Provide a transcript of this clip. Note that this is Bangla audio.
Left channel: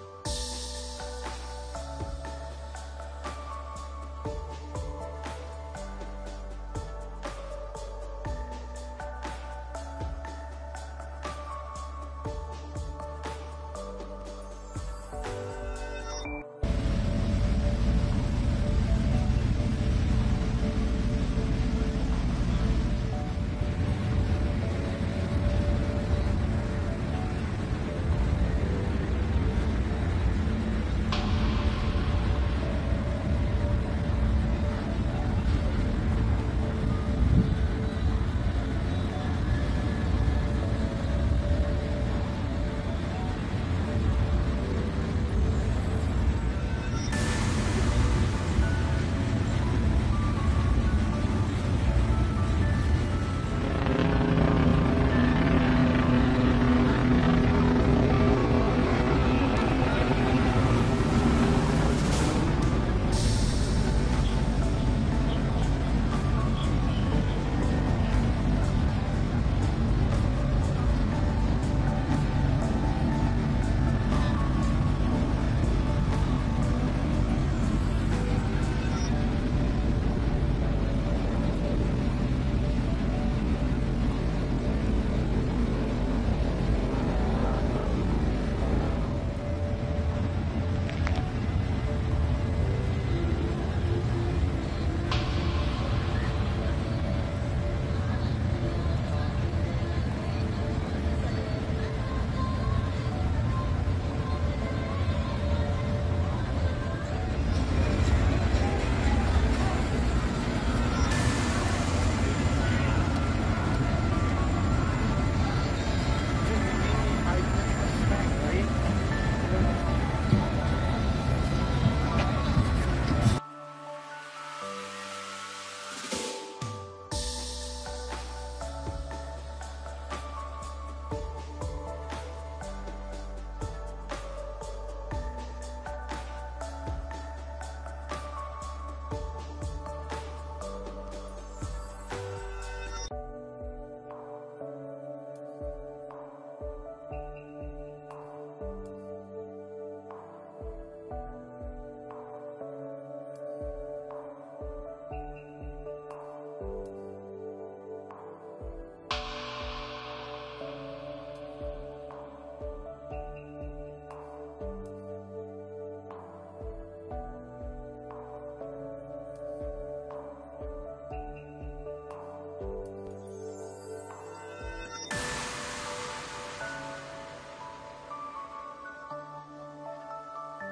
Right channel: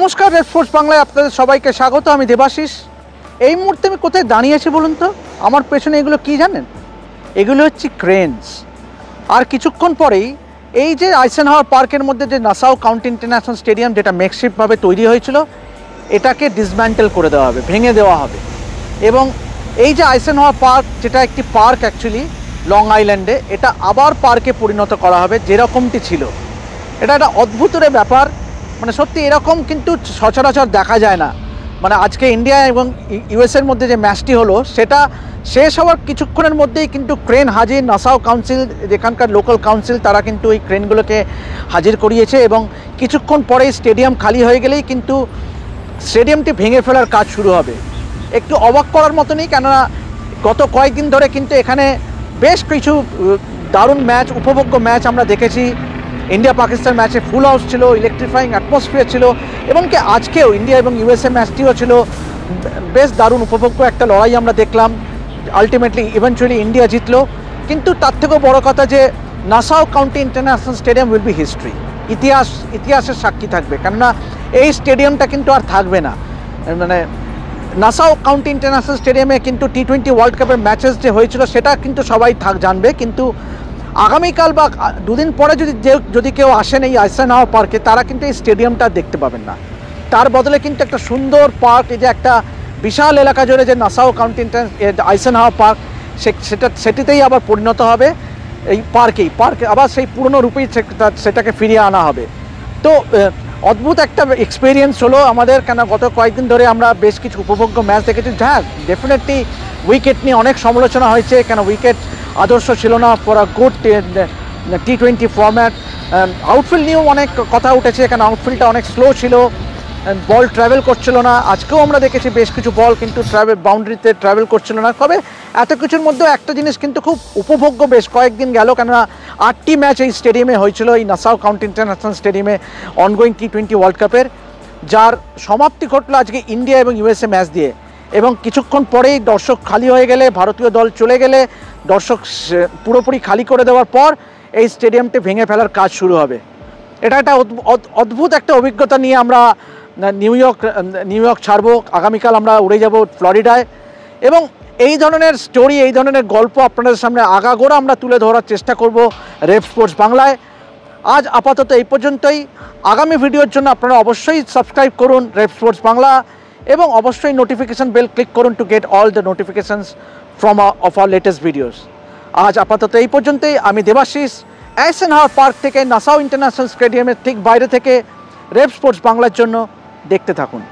নমস্কার, রেড ফোর্স বাংলায় আপনাদের সবাইকে স্বাগত। আমি দেবাশিস। এই মুহূর্তে আমি কোথায় দাঁড়িয়ে আছি বলুন তো? আমার পেছনে এগুলো কি জানেন? এগুলো হচ্ছে ক্রেনস। আর কিছুক্ষণ পরেই এই যে আইসেনহাওয়ার পার্কের মধ্যে যে নাসাউ কাউন্টি ইন্টারন্যাশনাল স্টেডিয়াম, যেটা মেকশিফটভাবে তৈরি হয়েছিল, এটাকে ডিসম্যান্টেল করে দেওয়া হবে, ভেঙে দেওয়া হবে। এবং এই যে আইসেনহাওয়ার পার্ক, যেটা একটি পার্ক অ্যাকচুয়ালি লং আইল্যান্ডে, এটা আবার পার্কে পরিণত করা হবে যেরকমটি ছিল। এটা একটা অদ্ভুতের ব্যাপার, মানে সত্যি এরকম কিন্তু সচরাচর দেখা যায় না। মানে আজকে ইন্ডিয়া এবং ইউএসের মধ্যে যে ম্যাচটি হলো, সেটা শেষ হওয়ার কিছুক্ষণের মধ্যেই কিন্তু ক্রেন হাজির। নাসাউ কাউন্সিল, যেখানকার লোকাল কাউন্সিল, তারা কিন্তু এই ক্রেনগুলোকে হাজির করিয়েছে এবং কিছুক্ষণ পরেই স্টেডিয়াম খালি হয়ে গেলেই কিন্তু স্টেডিয়ামটি ভেঙে ফেলার কাজ শুরু হবে। একটু অবাক করার মতনই, কেননা গত কয়েকদিন ধরে কিন্তু এখানে বেশ কিছু দারুণ ম্যাচ, উপভোগ্য ম্যাচ আমরা দেখেছি। ইন্ডিয়া পাকিস্তান ম্যাচে ফুল হাউস ছিল, ইলেকট্রিফাইং অ্যাটমসফিয়ার ছিল, এবং কি আজকেও ইন্ডিয়া এবং ইউএসএ ম্যাচটিও ছিল বেশ দারুণ উপভোগ্য একটা লড়াই আমরা দেখলাম। আলটিমেটলি ইভেনচুয়ালি ইন্ডিয়া জিতলো। কিন্তু তার থেকেও বড় কথা যে Nassau county international stadium will be history. ইতিহাসের সাক্ষী থাকবে, কেননা এই স্টেডিয়ামটা কিন্তু আর থাকবে না। মানে নাসাউ কাউন্টি ইন্টারন্যাশনাল স্টেডিয়ামে কিন্তু T20 ওয়ার্ল্ড কাপের ম্যাচেস যে হয়েছিল, সেটা কিন্তু সবাই জানবে। কিন্তু আগামীকাল বা দুদিন পরে যদি কেউ আসেন এই আইসেনহাওয়ার পার্কে, তারা কিন্তু এই স্টেডিয়ামটা দেখতে পাবেন না। তার বদলে কিন্তু একটা সুন্দর পার্ক, এই যে একটা বিশাল এলাকা জুড়ে যে নাসাউ কাউন্টি আইসেনহাওয়ার পার্ক, সেটিতেই আবার পরিণত হবে। এই পার্কে আবার সেই পুরনো রূপেই সেটাকে ফিরিয়ে আনা হবে। তো অদ্ভুত একটা এক্সপিরিয়েন্স হলো আমাদের, কেন গত কয়েকদিন ধরে আমরা বেশ কিছু উপভোগ্য ম্যাচ দেখেছি। হ্যাঁ, ডেফিনেটলি উইকেট নিয়ে অনেক সমালোচনা হয়েছে, কেন উইকেট আদর্শ ছিল না for a good T20 format. Outfield নিয়েও অনেক কথা উঠেছে, কেন আউটফিল্ডটা অনেক স্লো ছিল, বল ট্রাভেল করছিল না। আজকেও আমরা দেখেছি বেশ কিছু বল কিন্তু বাউন্ডারিতে ট্রাভেল করছিল না। তবে এত কিছুর মধ্যেও একটা জিনিস কিন্তু খুব উপভোগ্য, বেশ কয়েকদিন গেল, কেননা 8টি ম্যাচ এই স্টেডিয়ামে হয়েছিল, এই নাসাউ কাউন্টি ইন্টারন্যাশনাল স্টেডিয়ামে অনগোয়িং T20 ওয়ার্ল্ড কাপের, যার সমাপ্তি ঘটলো আজকে ইন্ডিয়া এবং ইউএসএ ম্যাচ দিয়ে। এবং কিছুক্ষণ পরেই দর্শক খালি হয়ে গেলে, ভারতীয় দল চলে গেলে, দর্শক পুরোপুরি খালি করে দেওয়ার পর এই স্টেডিয়ামটি ভেঙে ফেলার কাজ শুরু হবে। এটা একটা অদ্ভুত একটা অভিজ্ঞতা নিয়ে আমরা নিউ ইয়র্ক ছাড়বো। আগামীকাল আমরা উড়ে যাব ফ্লোরিডায়, এবং এই ধরনের স্টোরি, এই ধরনের গল্প আপনাদের সামনে আগাগোড়া আমরা তুলে ধরার চেষ্টা করব রেড স্পোর্টস বাংলায়। আজ আপাতত এই পর্যন্তই। আগামী ভিডিওর জন্য আপনারা অবশ্যই সাবস্ক্রাইব করুন রেড স্পোর্টস বাংলা, এবং অবশ্যই নোটিফিকেশন বেল ক্লিক করুন to get all the notifications from of our latest videos. আজ আপাতত এই পর্যন্তই। আমি দেবাশিস, আইসেনহাওয়ার পার্ক থেকে নাসাউ ইন্টারন্যাশনাল স্টেডিয়ামের ঠিক বাইরে থেকে রেড স্পোর্টস বাংলার জন্য। দেখতে থাকুন।